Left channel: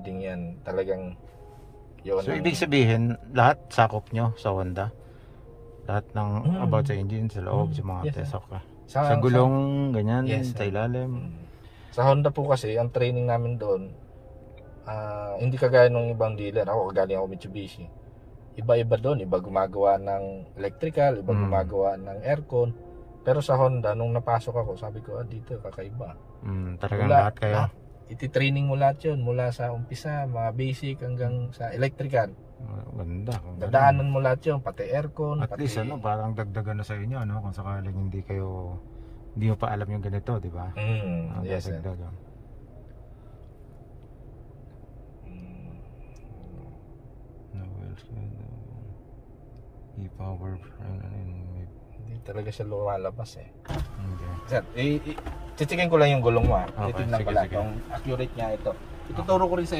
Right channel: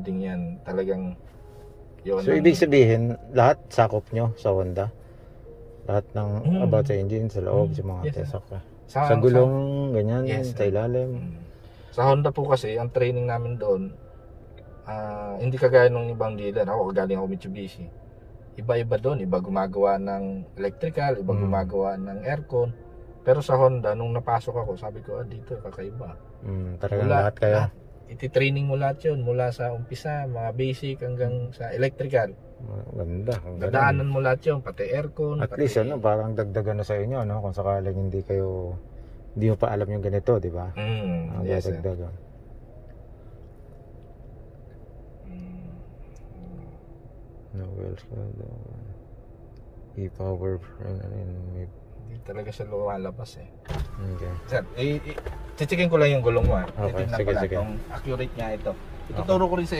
Din yan, talagang yun. So ibig sabihin, lahat sakop nyo sa Honda? Lahat ng about sa engine, sa loob, sa mga test, okay. Sa gulong, ganyan, yes, sa ilalim. Sa Honda po kasi, ang training namin doon, hindi kagaya ng ibang dealer. Ako, galing ako Mitsubishi. Iba-iba doon, iba gumagawa ng electrical, iba gumagawa ng aircon. Pero sa Honda, nung napasok ako, sabi ko, dito, kakaiba. Talagang lahat kayo? Iti-training mo lahat yun, mula sa umpisa, mga basic hanggang sa electrical. Ganda. Dadaanan mo lahat yun, pati aircon. At least parang dagdagan na sa inyo, no? Kung sakaling hindi mo pa alam yung ganito, di ba? Yes, dagdagan. No wheels, e-power, hindi talaga siya lumalabas eh. Okay. Sir, titikin ko lang yung gulong mo. Okay, sige. Kung accurate niya ito. Ituturo ko rin sa